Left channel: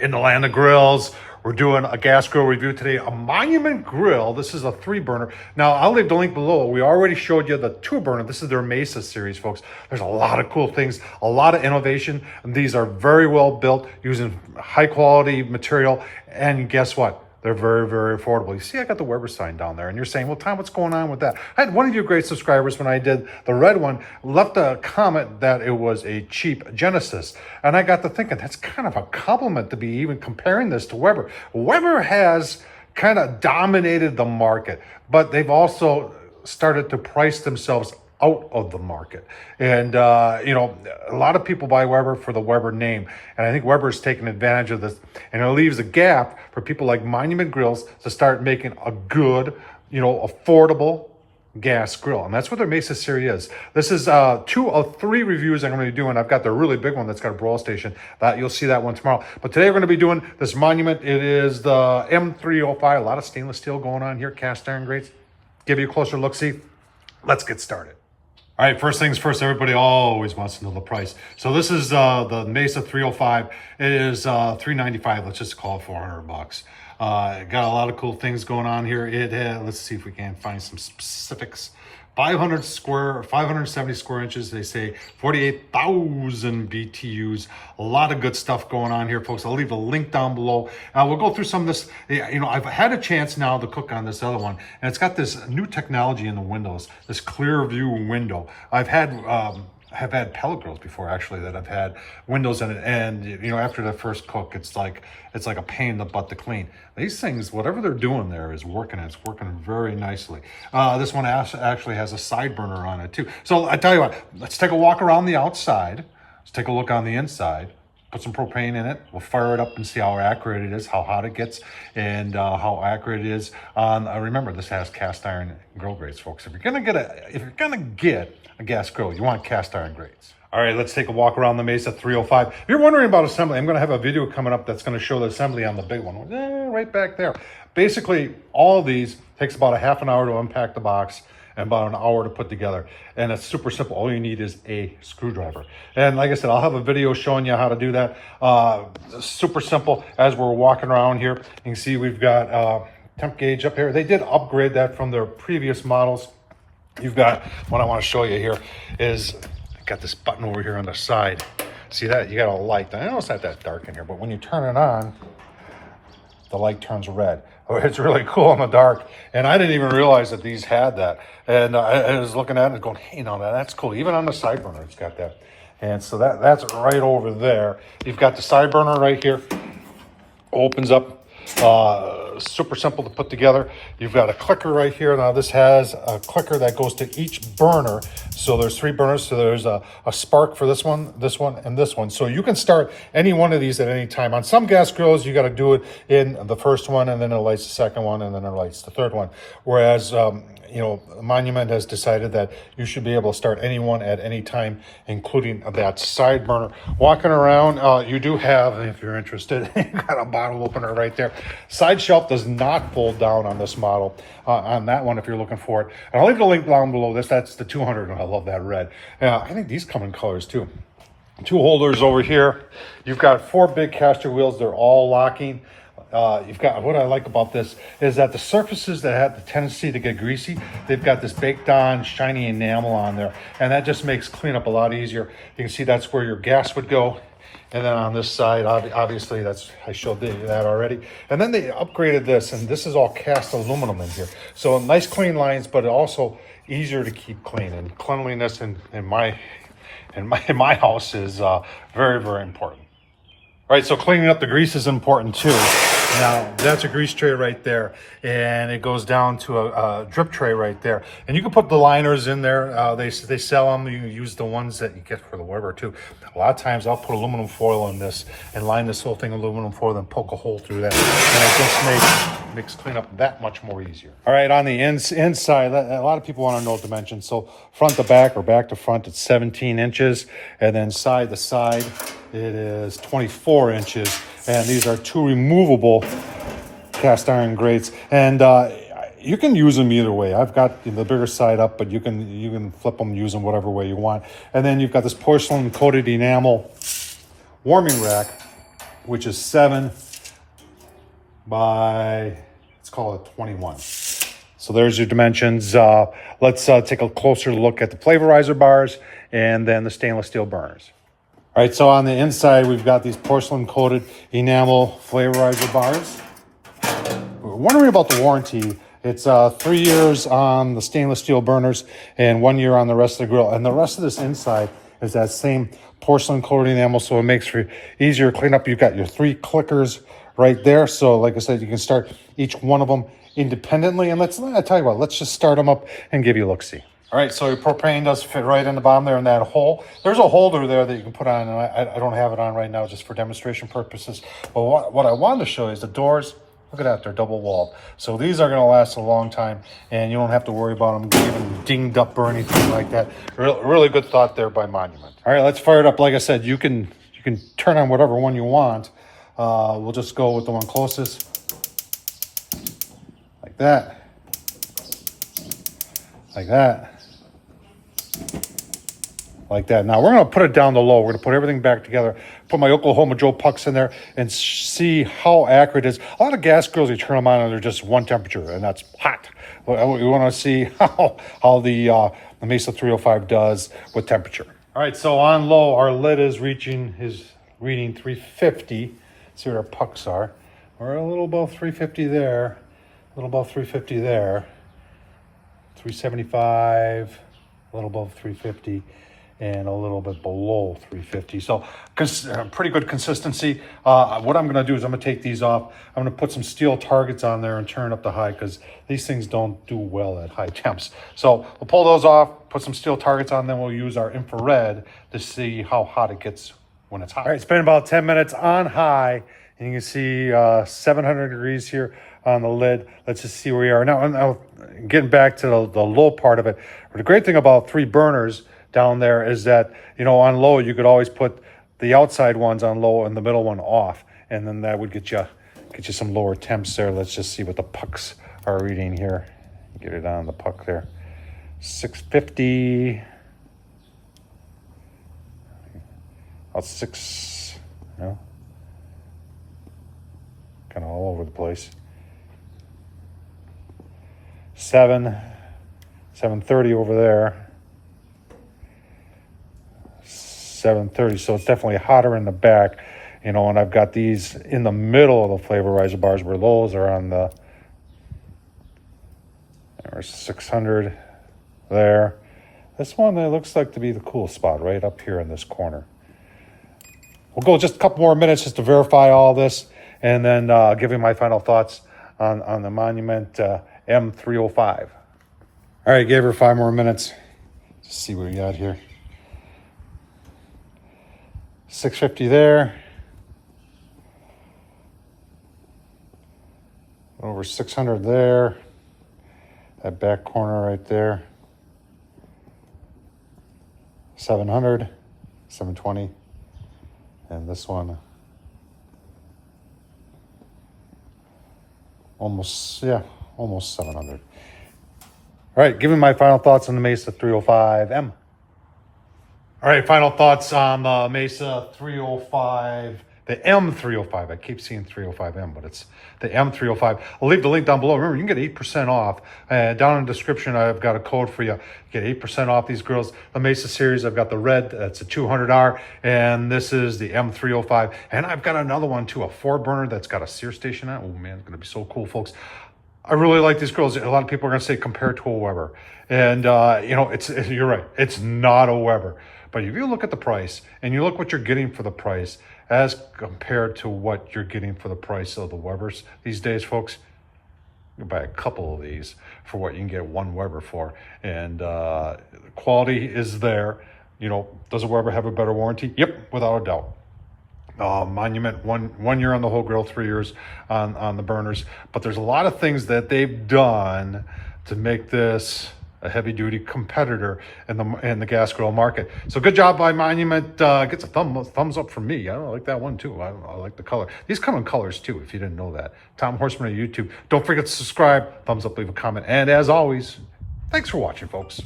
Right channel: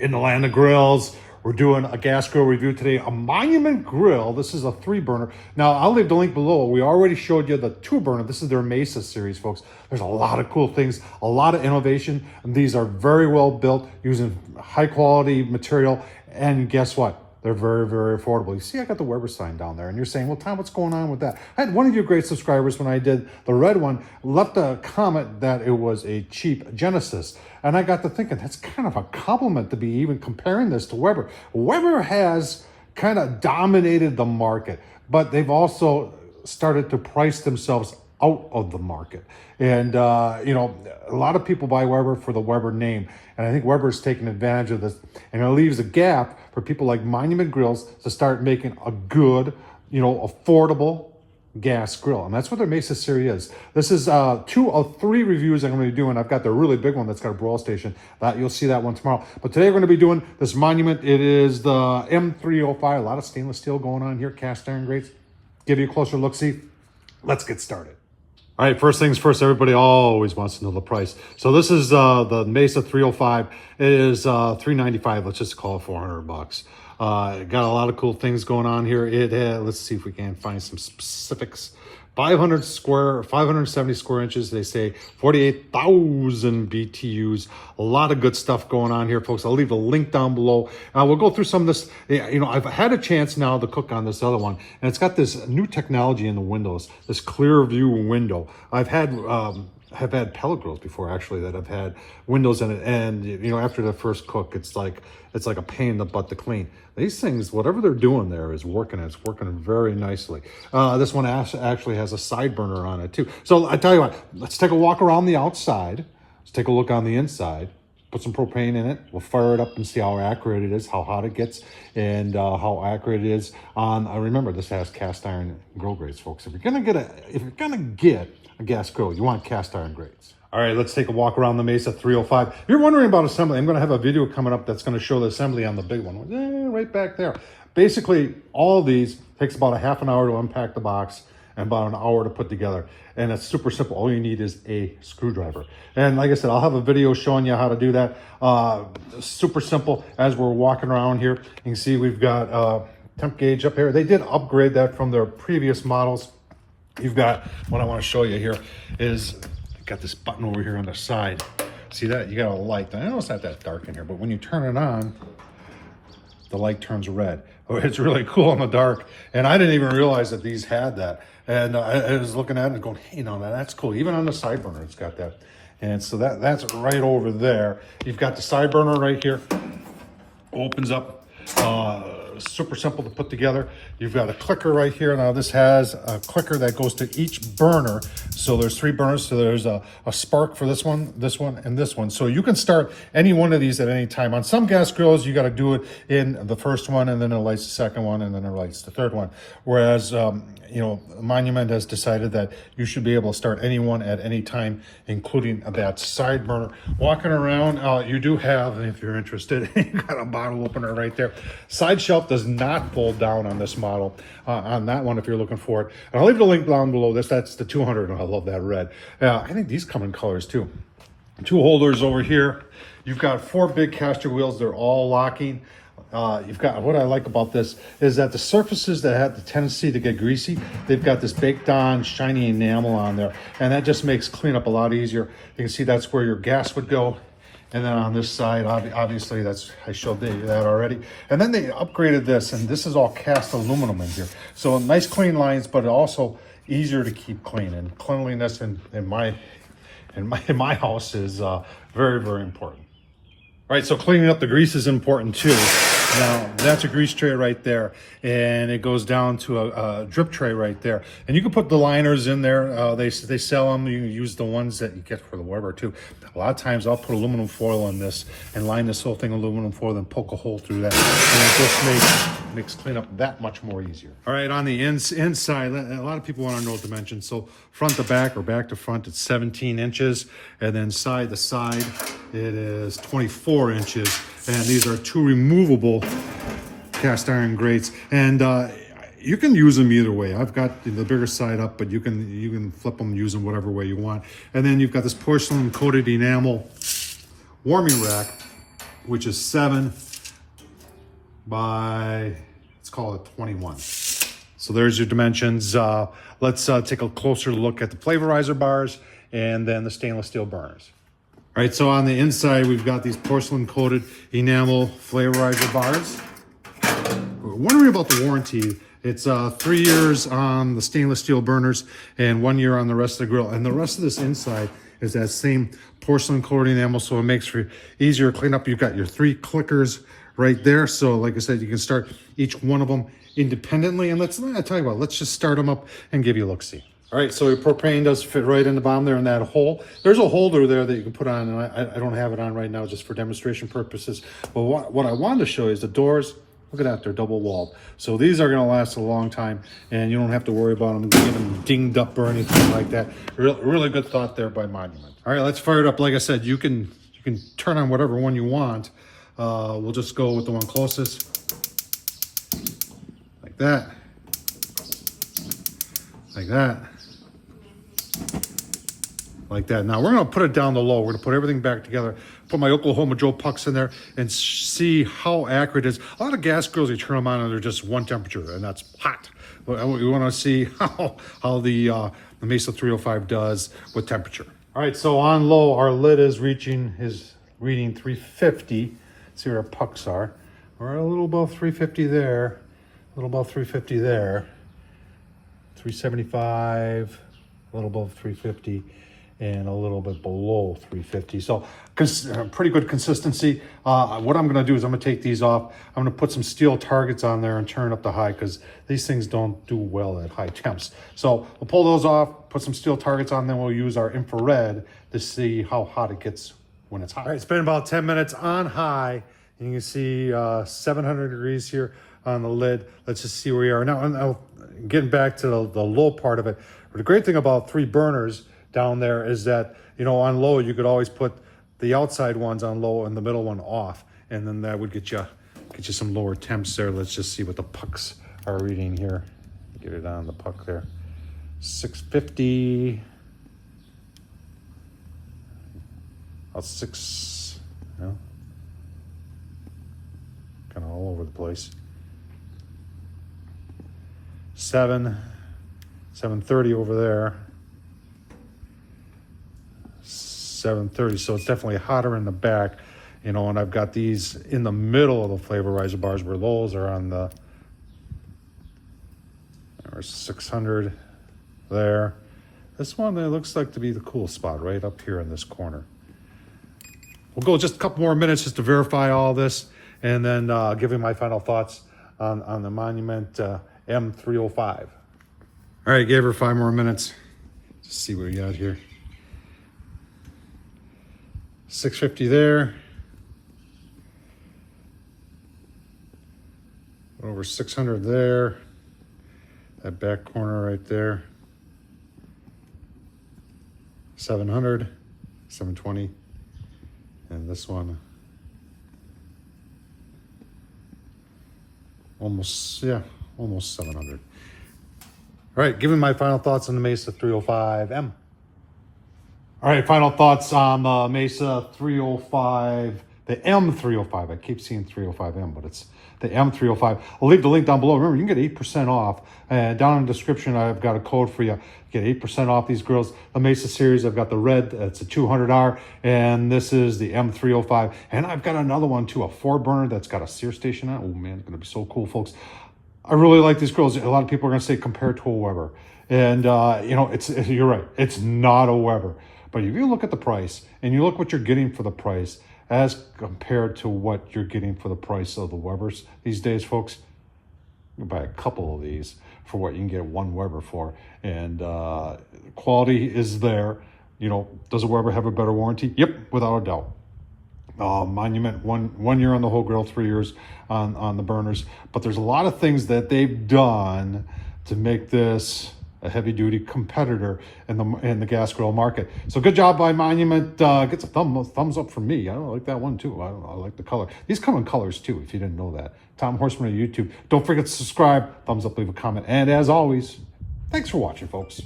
in the land of grills. We're doing a gas grill review today, a Monument grill. This is a 3-burner. Now, I'll leave the link below. We already showed you the 2-burner. This is their Mesa series, folks. There's a lot of cool things, a lot of innovation. And these are very well built using high quality material. And guess what? They're very, very affordable. You see, I got the Weber sign down there, and you're saying, well, Tom, what's going on with that? I had one of you great subscribers when I did the red one, left a comment that it was a cheap Genesis. And I got to thinking, that's kind of a compliment to be even comparing this to Weber. Weber has kind of dominated the market, but they've also started to price themselves out of the market. And, you know, a lot of people buy Weber for the Weber name. And I think Weber's taken advantage of this. And it leaves a gap for people like Monument Grills to start making a good, you know, affordable gas grill. And that's what their Mesa series is. This is 2 of 3 reviews I'm going to be doing. I've got the really big one that's got a broil station. That you'll see that one tomorrow. But today we're going to be doing this Monument. It is the M305. A lot of stainless steel going on here, cast iron grates. Give you a closer look. See, let's get started. All right, first things first, everybody always wants to know the price. So this is the Mesa 305. It is $395. Let's just call it $400. Got a lot of cool things going on here. Let's see if we can find some specifics. 570 square inches. They say 48,000 BTUs. A lot of good stuff going on here, folks. I'll leave a link down below. We'll go through some of this. You know, I've had a chance now to cook on this other one, and it's got this new technology in the windows, this clear view window. I've had pellet grills before, actually, that have had windows in it, and you know, after the first cook, it's like a pain in the butt to clean. These things, whatever they're doing there is working. It's working very nicely. This one actually has a side burner on it too. So I tell you what, let's take a walk around the outside. Let's take a look on the inside. Put some propane in it. We'll fire it up and see how accurate it is, how hot it gets, and how accurate it is on. Remember, this has cast iron grill grates, folks. If you're gonna get a gas grill, you want cast iron grates. All right, let's take a walk around the Mesa 305. If you're wondering about assembly, I'm going to have a video coming up that's going to show the assembly on the big one. Right back there. Basically, all of these takes about a half an hour to unpack the box and about an hour to put together. And it's super simple. All you need is a screwdriver. And like I said, I'll have a video showing you how to do that. Super simple. As we're walking around here, you can see we've got temp gauge up here. They did upgrade that from their previous models. You've got, what I want to show you here is, got this button over here on the side. See that? You got a light. I know it's not that dark in here, but when you turn it on, the light turns red. Oh, it's really cool in the dark. And I didn't even realize that these had that. And I was looking at it and going, hey, no, that's cool. Even on the side burner, it's got that. And so that's right over there. You've got the side burner right here. Opens up. Super simple to put together. You've got a clicker right here. Now this has a clicker that goes to each burner. So there's 3 burners. So there's a spark for this one, and this one. So you can start any one of these at any time. On some gas grills, you got to do it in the first one, and then it lights the second one, and then it lights the third one. Whereas, you know, Monument has decided that you should be able to start any one at any time, including that side burner. Walking around, you do have, if you're interested, you got a bottle opener right there. Side shelf does not fold down on this model. On that one, if you're looking for it. And I'll leave the link down below this. That's the 200, and I love that red. I think these come in colors too. 2 holders over here. You've got 4 big caster wheels. They're all locking. You've got, what I like about this is that the surfaces that have the tendency to get greasy, they've got this baked on shiny enamel on there, and that just makes cleanup a lot easier. You can see that's where your gas would go. And then on this side, obviously, I showed you that already. And then they upgraded this, and this is all cast aluminum in here. So nice clean lines, but also easier to keep clean. And cleanliness in my house is very, very important. All right, so cleaning up the grease is important too. Now, that's a grease tray right there, and it goes down to a drip tray right there. And you can put the liners in there. They sell them. You can use the ones that you get for the Weber too. A lot of times I'll put aluminum foil in this and line this whole thing aluminum foil, then poke a hole through that. And it just makes cleanup that much more easier. All right, on the inside, a lot of people want to know dimensions. So front to back or back to front, it's 17 inches. And then side to side, it is 24 inches. And these are 2 removable cast iron grates. And you can use them either way. I've got the bigger side up, but you can flip them, use them whatever way you want. And then you've got this porcelain coated enamel warming rack which is 7 by, let's call it 21. So there's your dimensions. Let's take a closer look at the flavorizer bars and then the stainless steel burners. All right, so on the inside, we've got these porcelain coated enamel flavorizer bars. We're wondering about the warranty. It's 3 years on the stainless steel burners and 1 year on the rest of the grill. And the rest of this inside is that same porcelain coated enamel, so it makes for easier cleanup. You've got your 3 clickers right there. So like I said, you can start each one of them independently. And let's not tell you about, let's just start them up and give you a look-see. All right, so your propane does fit right in the bottom there in that hole. There's a holder there that you can put on, and I don't have it on right now just for demonstration purposes. But what I wanted to show you is the doors. Look at that, they're double walled. So these are gonna last a long time, and you don't have to worry about them getting dinged up or anything like that. Really good thought there by Monument. All right, let's fire it up. Like I said, you can turn on whatever one you want. We'll just go with the one closest. Like that. Like that. Like that. Now we're going to put it down to low. We're going to put everything back together. Put my Oklahoma Joe pucks in there and see how accurate it is. A lot of gas grills, you turn them on and they're just one temperature, and that's hot. We want to see how the Mesa 305 does with temperature. All right, so on low, our lid is reading 350. See where our pucks are. We're a little above 350 there. A little above 350 there. 375. A little above 350. And a little bit below 350. So pretty good consistency. What I'm gonna do is I'm gonna take these off. I'm gonna put some steel targets on there and turn up the high, because these things don't do well at high temps. So we'll pull those off, put some steel targets on, then we'll use our infrared to see how hot it gets when it's hot. All right, it's been about 10 minutes on high, and you can see 700 degrees here on the lid. Let's just see where we are. Now getting back to the low part of it, the great thing about 3 burners down there is that, you know, on low, you could always put the outside ones on low and the middle one off, and then that would get you some lower temps there. Let's just see what the pucks are reading here. Get it on the puck there. 650. About 6, you know, kind of all over the place. 730 over there. 730, so it's definitely hotter in the back, you know, and I've got these in the middle of the flavorizer bars where those are on the, there's 600 there. This one, it looks like to be the cool spot right up here in this corner. We'll go just a couple more minutes just to verify all this, and then give you my final thoughts on the Monument M305. All right, gave her 5 more minutes. Let's see what we got here. 650 there. Over 600 there. That back corner right there. 700, 720. And this one, almost 700. All right, giving my final thoughts on the Mesa 305M. All right, final thoughts on the Mesa 305, the M305. I keep seeing 305M, but it's the M305. I'll leave the link down below. Remember, you can get 8% off. Down in the description, I've got a code for you. Get 8% off these grills. The Mesa series, I've got the red, that's a 200R, and this is the M305. And I've got another one too, a 4-burner that's got a sear station on it. Oh man, it's gonna be so cool, folks. I really like these grills. A lot of people are gonna say compared to a Weber. And you know, you're right, it's not a Weber. But if you look at the price and you look what you're getting for the price as compared to what you're getting for the price of the Webers these days, folks, you can buy a couple of these for what you can get one Weber for. And quality is there. You know, does a Weber have a better warranty? Yep, without a doubt. Monument, one year on the whole grill, 3 years on the burners. But there's a lot of things that they've done to make this a heavy-duty competitor in the gas grill market. So good job by Monument. Gets a thumbs up from me. I like that one too. I like the color. These come in colors too, if you didn't know that. Tom Horsman on YouTube. Don't forget to subscribe, thumbs up, leave a comment. And as always, thanks for watching, folks.